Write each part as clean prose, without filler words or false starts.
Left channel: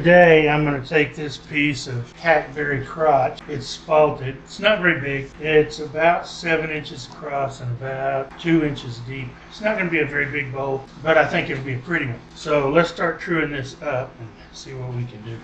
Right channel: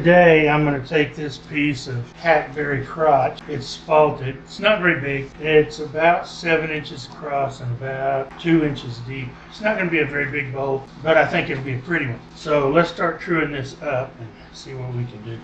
Today I'm going to take this piece of Hackberry crotch. It's faulted. It's not very big. It's about 7 inches across and about 2 inches deep. It's not going to be a very big bowl, but I think it'll be a pretty one. So let's start truing this up and see what we can do.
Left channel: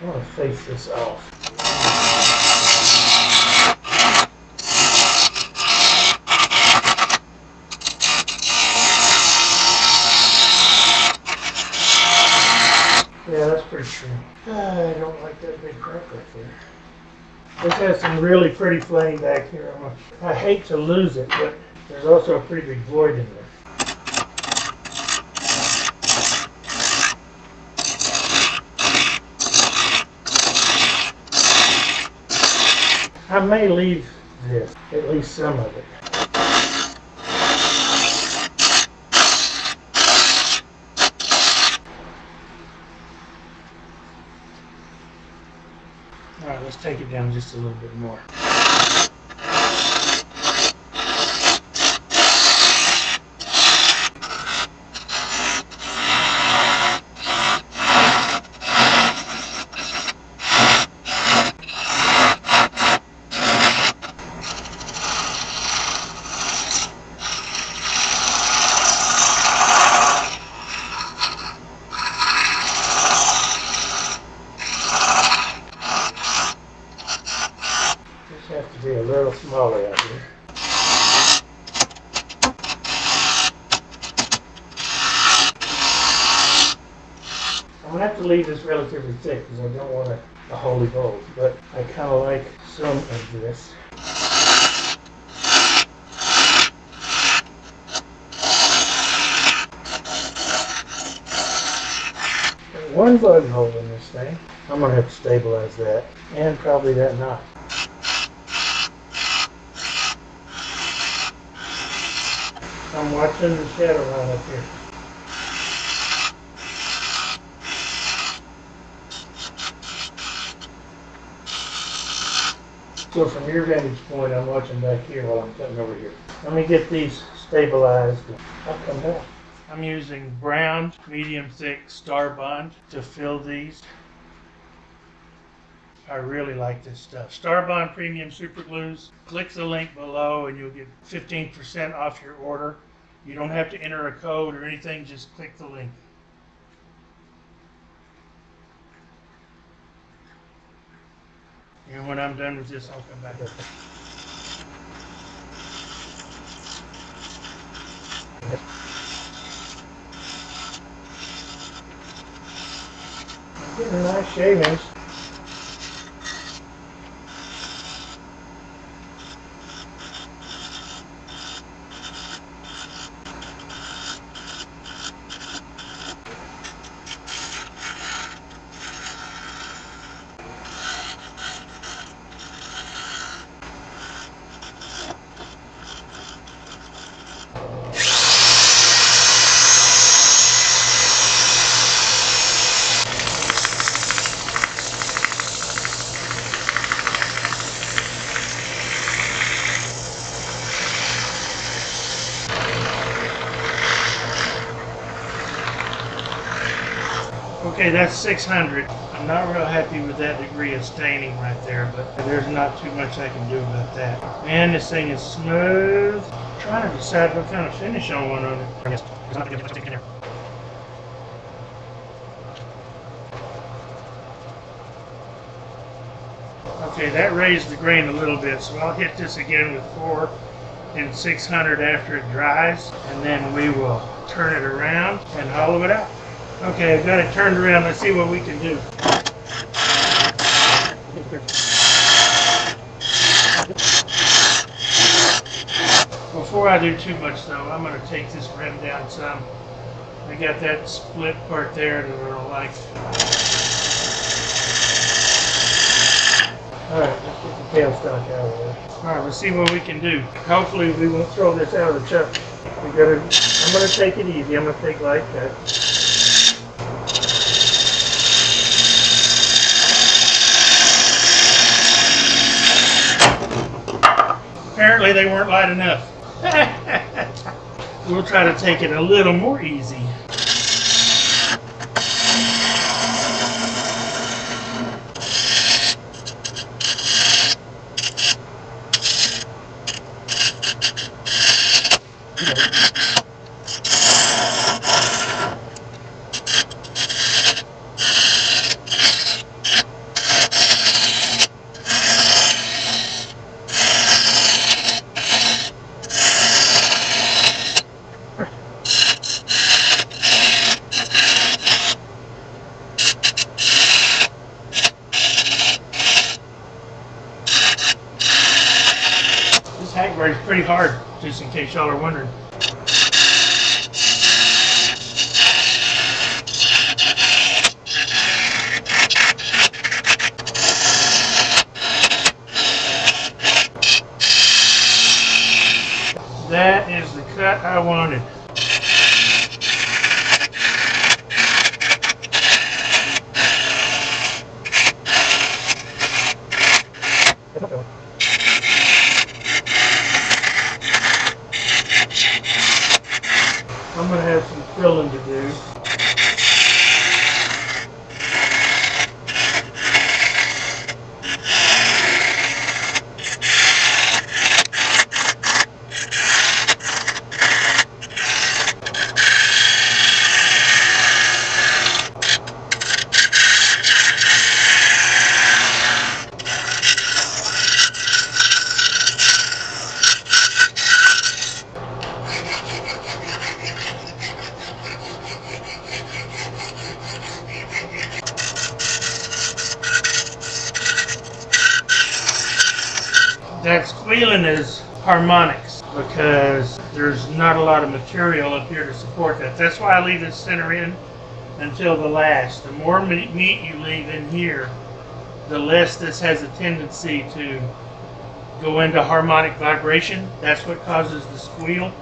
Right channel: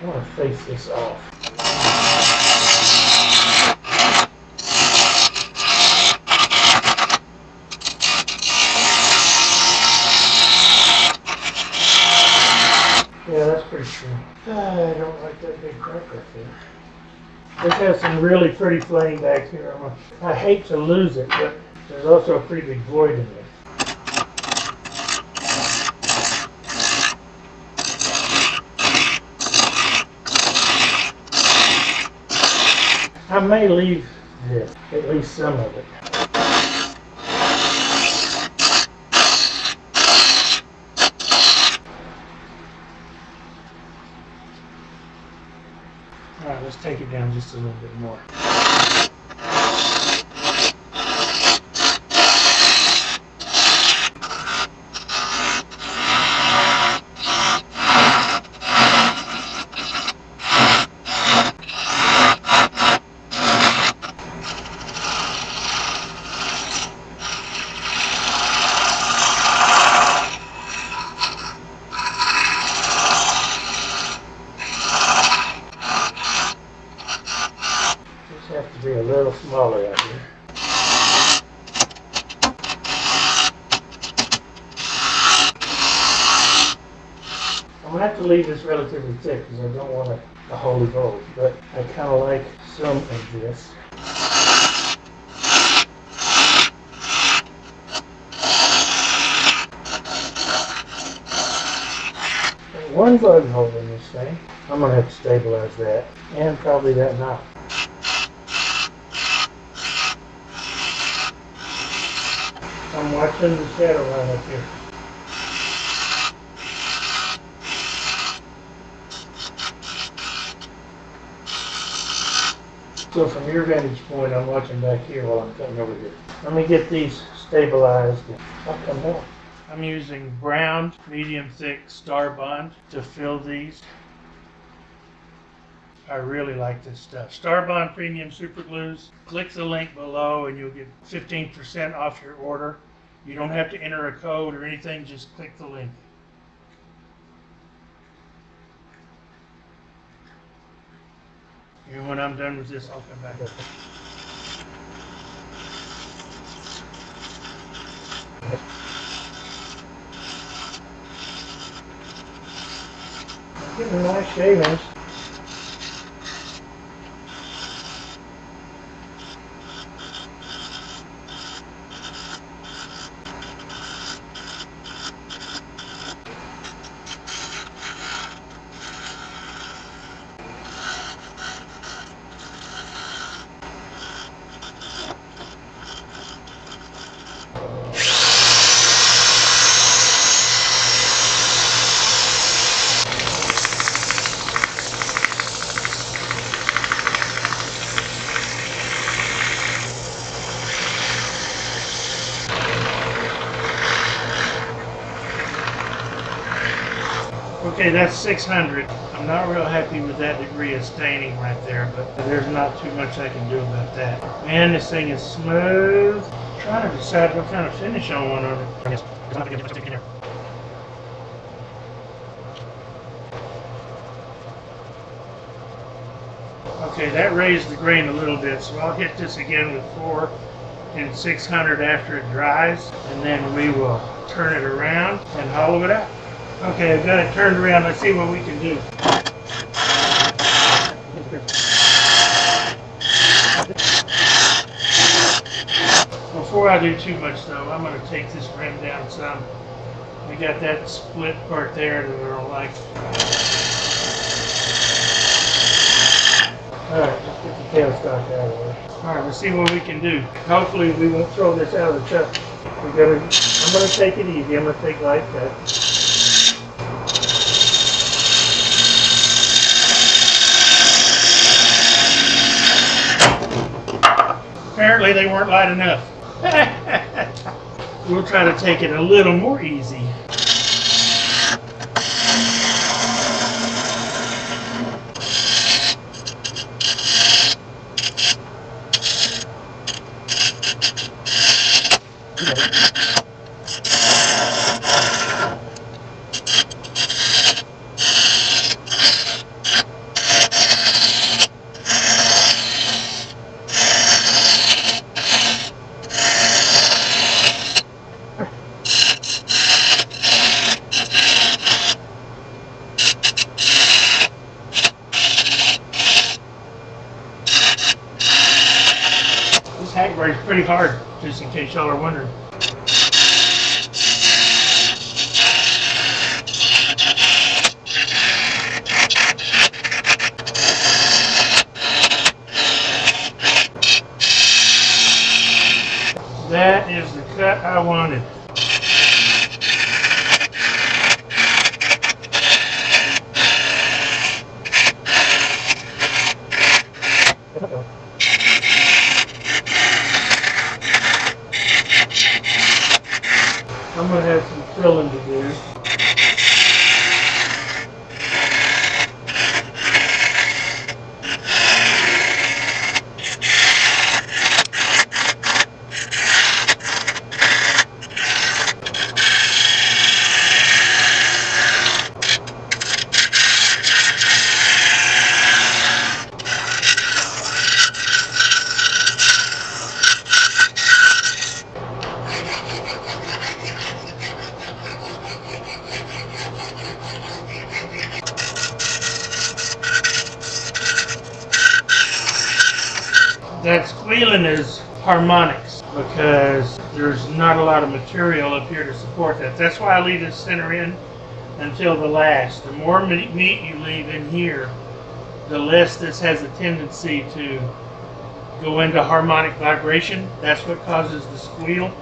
I want to face this off. Yeah, that's pretty true. I don't like that big crack right there. This has some really pretty flaying back here. I hate to lose it, but there's also a pretty big void in there. I may leave this, at least some of it. All right, let's take it down just a little bit more. Have to be a little smaller out here. I'm going to have to leave this relatively thick because I don't want a holy gold, but I kind of like some of this. There's one bug hole in this thing. I'm going to have to stabilize that, and probably that knot. I'm watching the shadow line up here. So from your vantage point, I'm watching back here while I'm cutting over here. Let me get these stabilized and I'll come back. I'm using brown, medium thick Starbond to fill these. I really like this stuff. Starbond Premium Superglues. Click the link below and you'll get 15% off your order. You don't have to enter a code or anything, just click the link. And when I'm done with this, I'll come back. I'm getting nice shavings. Okay, that's 600. I'm not real happy with that degree of staining right there, but there's not too much I can do about that. Man, this thing is smooth. I'm trying to decide what kind of finish I want on it. Okay, that raised the grain a little bit, so I'll hit this again with 4 and 600 after it dries, and then we will turn it around and hollow it out. Okay, I've got it turned around. Let's see what we can do. Before I do too much though, I'm going to take this rim down some. I got that split part there that I don't like. Alright, let's get the tailstock out of there. Alright, let's see what we can do. Hopefully we won't throw this out of the chuck. I'm going to take it easy. I'm going to take light cuts. apparently they weren't light enough. We'll try to take it a little more easy. This hackberry is pretty hard, just in case y'all are wondering. That is the cut I wanted. I'm going to have some filling to do. That squealing is harmonics because there's not a lot of material up here to support that. That's why I leave it center in until the last. The more meat you leave in here, the less this has a tendency to go into harmonic vibration. That's what causes the squeal,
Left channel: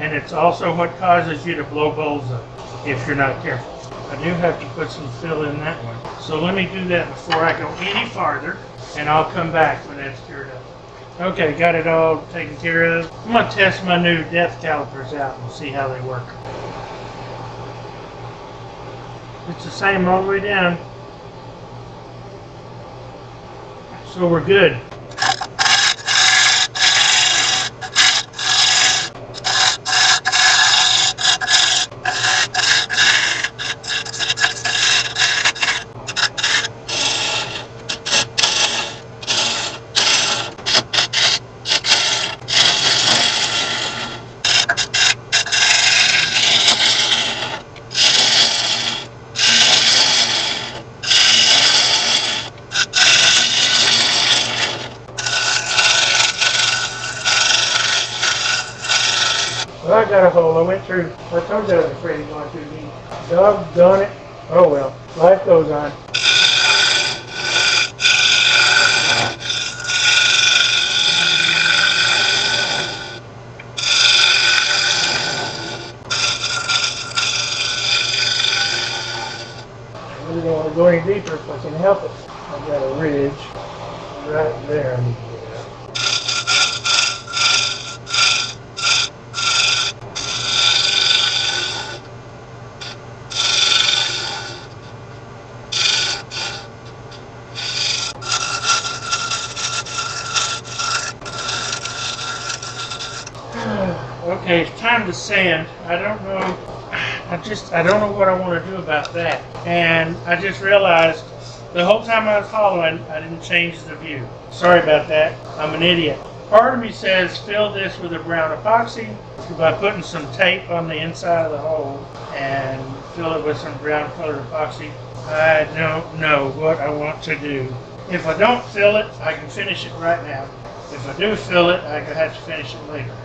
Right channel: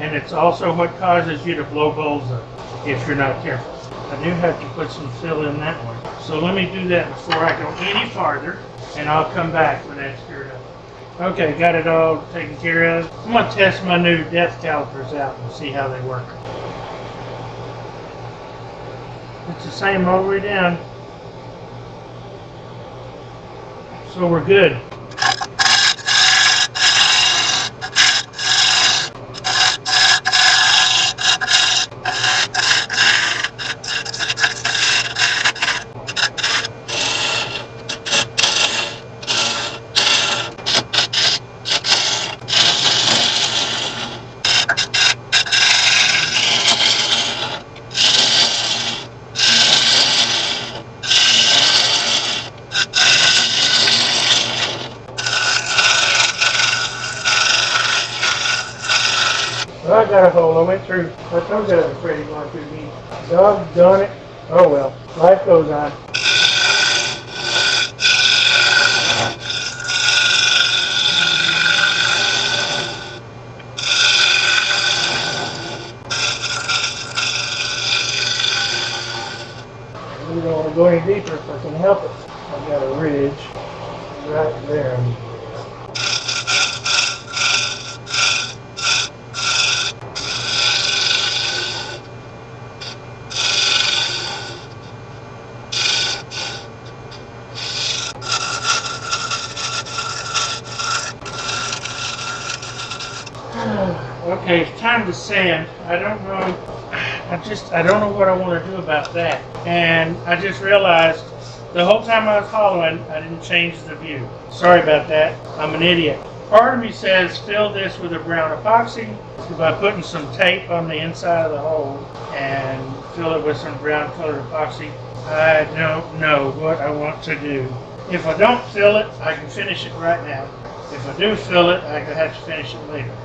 and it's also what causes you to blow bowls up if you're not careful. I do have to put some fill in that one. So let me do that before I go any farther, and I'll come back when that's cured up. Okay, got it all taken care of. I'm going to test my new depth calipers out and see how they work. It's the same all the way down. So we're good. Well, I got a hole. I went through. I told you I was afraid of going too deep. Doggone it. Oh well. Life goes on. I really don't want to go any deeper if I can help it. I've got a ridge right there. Okay, it's time to sand. I don't know. I don't know what I want to do about that. And I just realized the whole time I was following, I didn't change the view. Sorry about that. I'm an idiot. Part of me says fill this with a brown epoxy by putting some tape on the inside of the hole and fill it with some brown colored epoxy. I don't know what I want to do. If I don't fill it, I can finish it right now. If I do fill it, I could have to finish it later.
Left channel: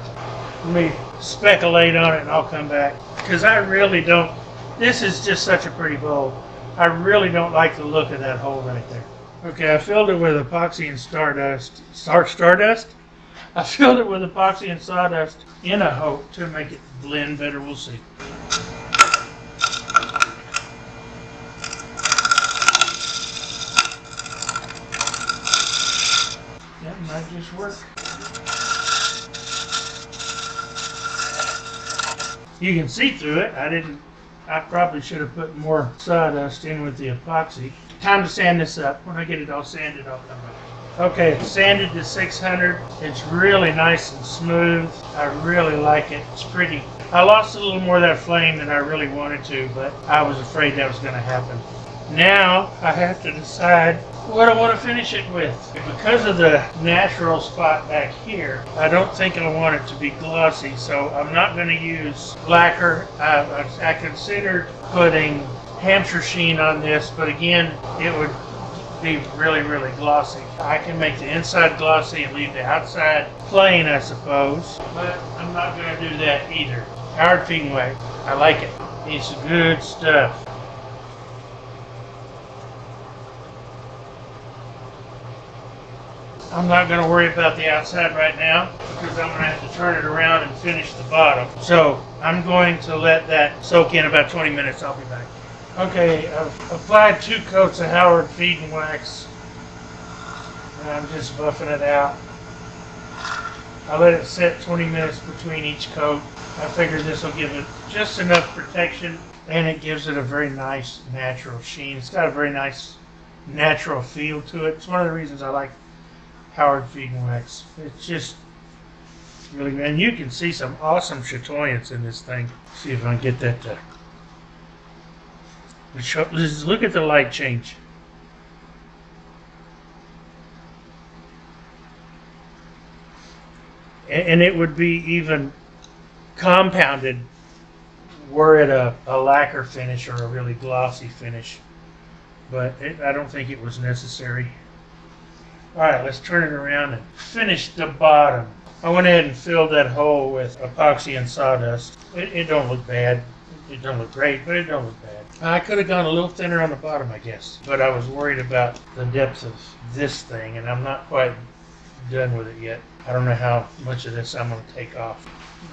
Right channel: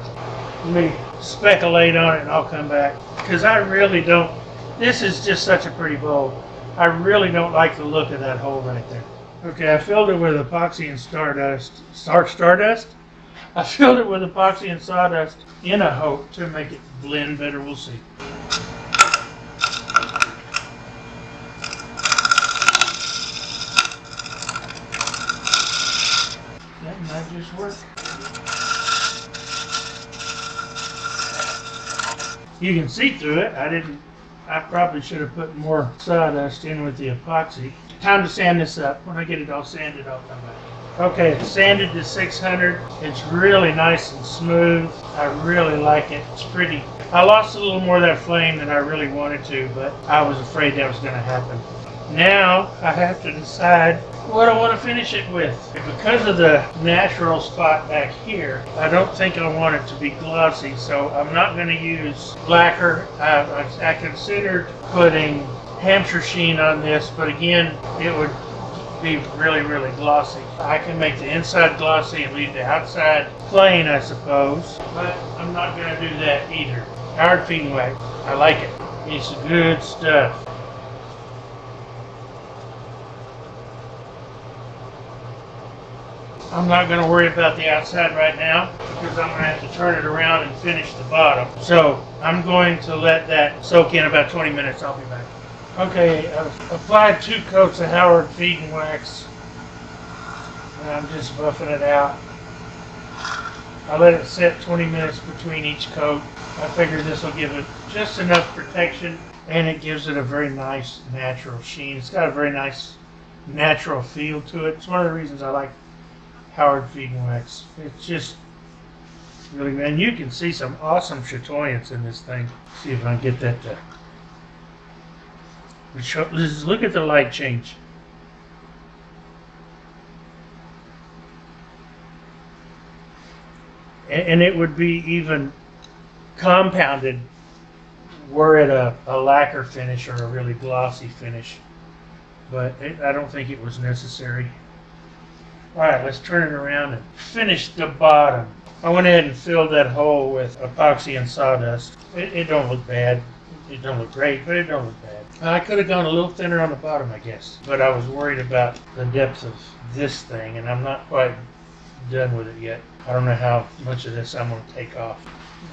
Let me speculate on it and I'll come back. Because I really don't, this is just such a pretty bowl. I really don't like the look of that hole right there. Okay, I filled it with epoxy and stardust. Stardust? I filled it with epoxy and sawdust in a hope to make it blend better. We'll see. That might just work. You can see through it. I probably should have put more sawdust in with the epoxy. Time to sand this up. When I get it all sanded, I'll come back. Okay, it's sanded to 600. It's really nice and smooth. I really like it. It's pretty. I lost a little more of that flame than I really wanted to, but I was afraid that was going to happen. Now I have to decide what I want to finish it with. Because of the natural spot back here, I don't think I want it to be glossy, so I'm not going to use lacquer. I considered putting Hampshire sheen on this, but again, it would be really, really glossy. I can make the inside glossy and leave the outside plain, I suppose, but I'm not going to do that either. Howard Feeding Wax, I like it. It's good stuff. I'm not going to worry about the outside right now because I'm going to have to turn it around and finish the bottom. So I'm going to let that soak in about 20 minutes. I'll be back. Okay, I've applied 2 coats of Howard Feeding Wax, and I'm just buffing it out. I let it sit 20 minutes between each coat. I figured this will give it just enough protection, and it gives it a very nice natural sheen. It's got a very nice natural feel to it. It's one of the reasons I like Howard Feeding Wax. It's just really, and you can see some awesome chatoyance in this thing. See if I can get that to look at the light change. And it would be even compounded were it a lacquer finish or a really glossy finish. But I don't think it was necessary. Alright, let's turn it around and finish the bottom. I went ahead and filled that hole with epoxy and sawdust. It don't look bad. It don't look great, but it don't look bad. I could have gone a little thinner on the bottom, I guess. But I was worried about the depth of this thing, and I'm not quite done with it yet. I don't know how much of this I'm going to take off.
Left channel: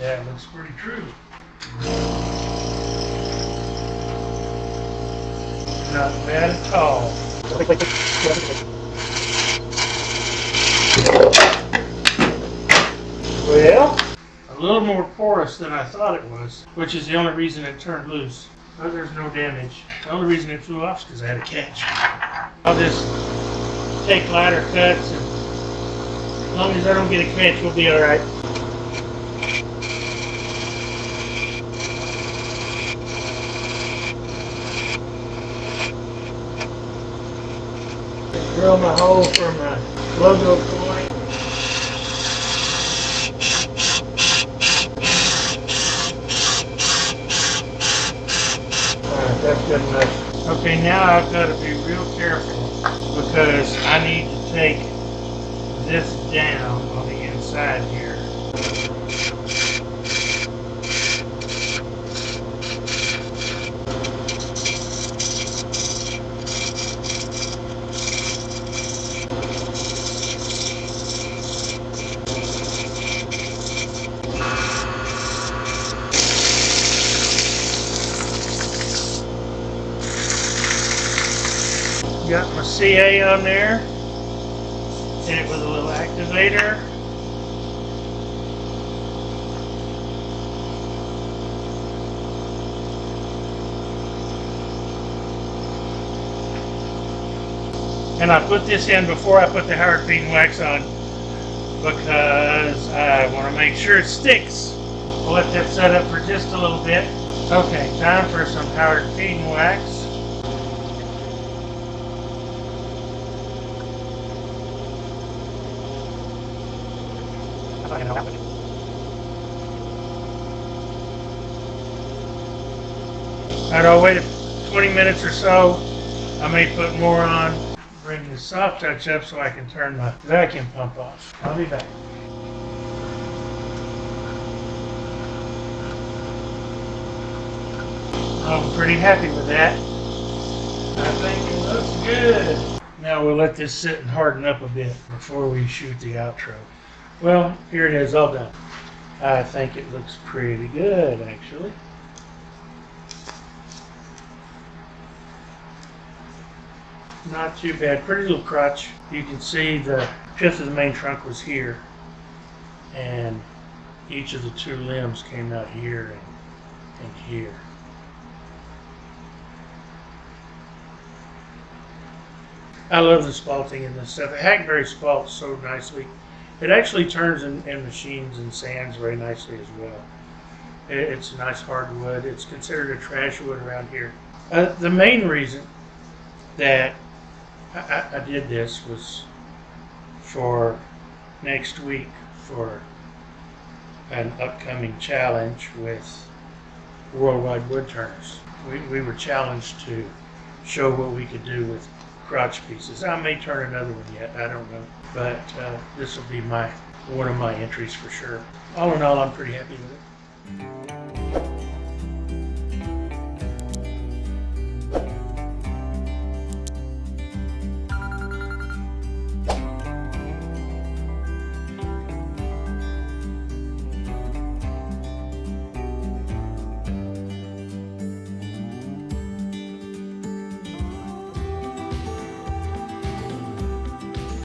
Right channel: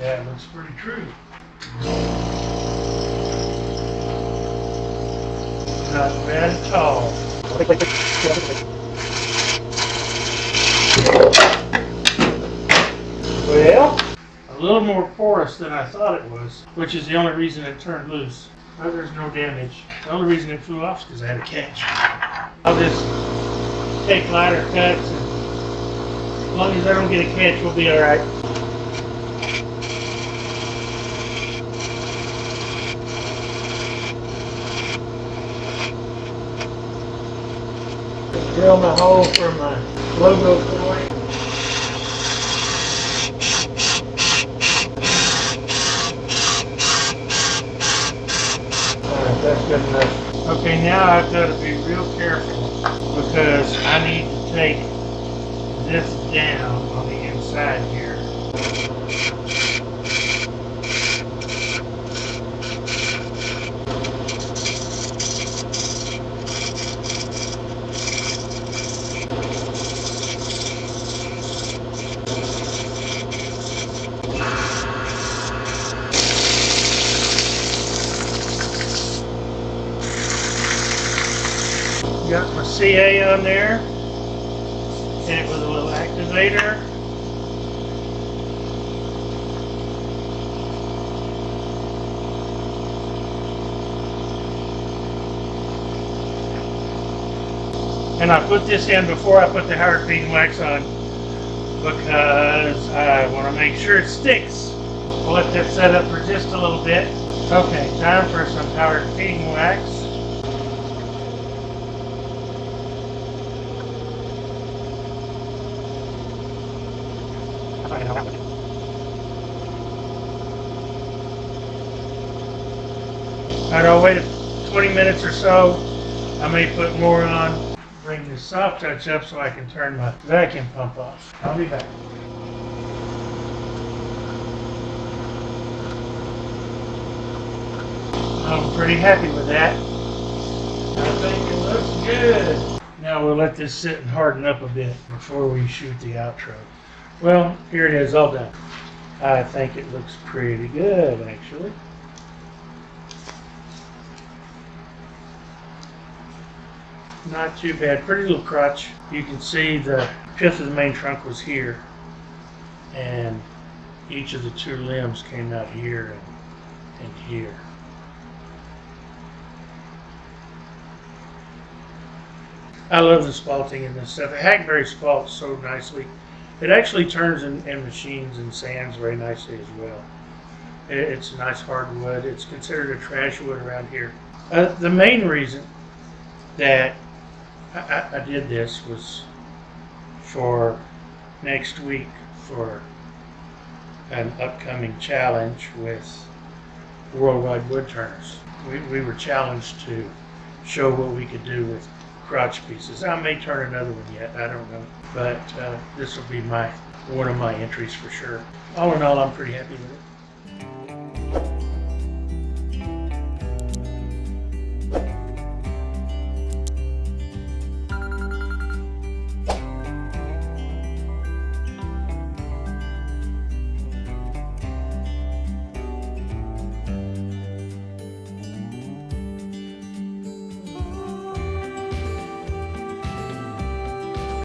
Yeah, it looks pretty true. Not bad at all. Well, a little more porous than I thought it was, which is the only reason it turned loose. But there's no damage. The only reason it flew off is because I had a catch. I'll just take lighter cuts, and as long as I don't get a catch, we'll be alright. Drill my hole for my logo coin. That's good enough. Okay, now I've got to be real careful because I need to take this down on the inside here. Got my CA on there, hit it with a little activator. And I put this in before I put the Howard Feeding Wax on because I want to make sure it sticks. We'll let that set up for just a little bit. Okay, time for some Howard Feeding Wax. Alright, I'll wait 20 minutes or so. I may put more on, bring the soft touch up so I can turn my vacuum pump off. I'll be back. I'm pretty happy with that. I think it looks good. Now we'll let this sit and harden up a bit before we shoot the outro. Well, here it is, all done. I think it looks pretty good, actually. Not too bad. Pretty little crotch. You can see the fifth of the main trunk was here, and each of the 2 limbs came out here, and and here. I love the spalting in this stuff. The Hackberry spalts so nicely. It actually turns and machines and sands very nicely as well. It's a nice hardwood. It's considered a trash wood around here. The main reason that I did this was for next week for an upcoming challenge with Worldwide Woodturners. We were challenged to show what we could do with crotch pieces. I may turn another one yet, I don't know. But this will be one of my entries for sure. All in all, I'm pretty happy with it.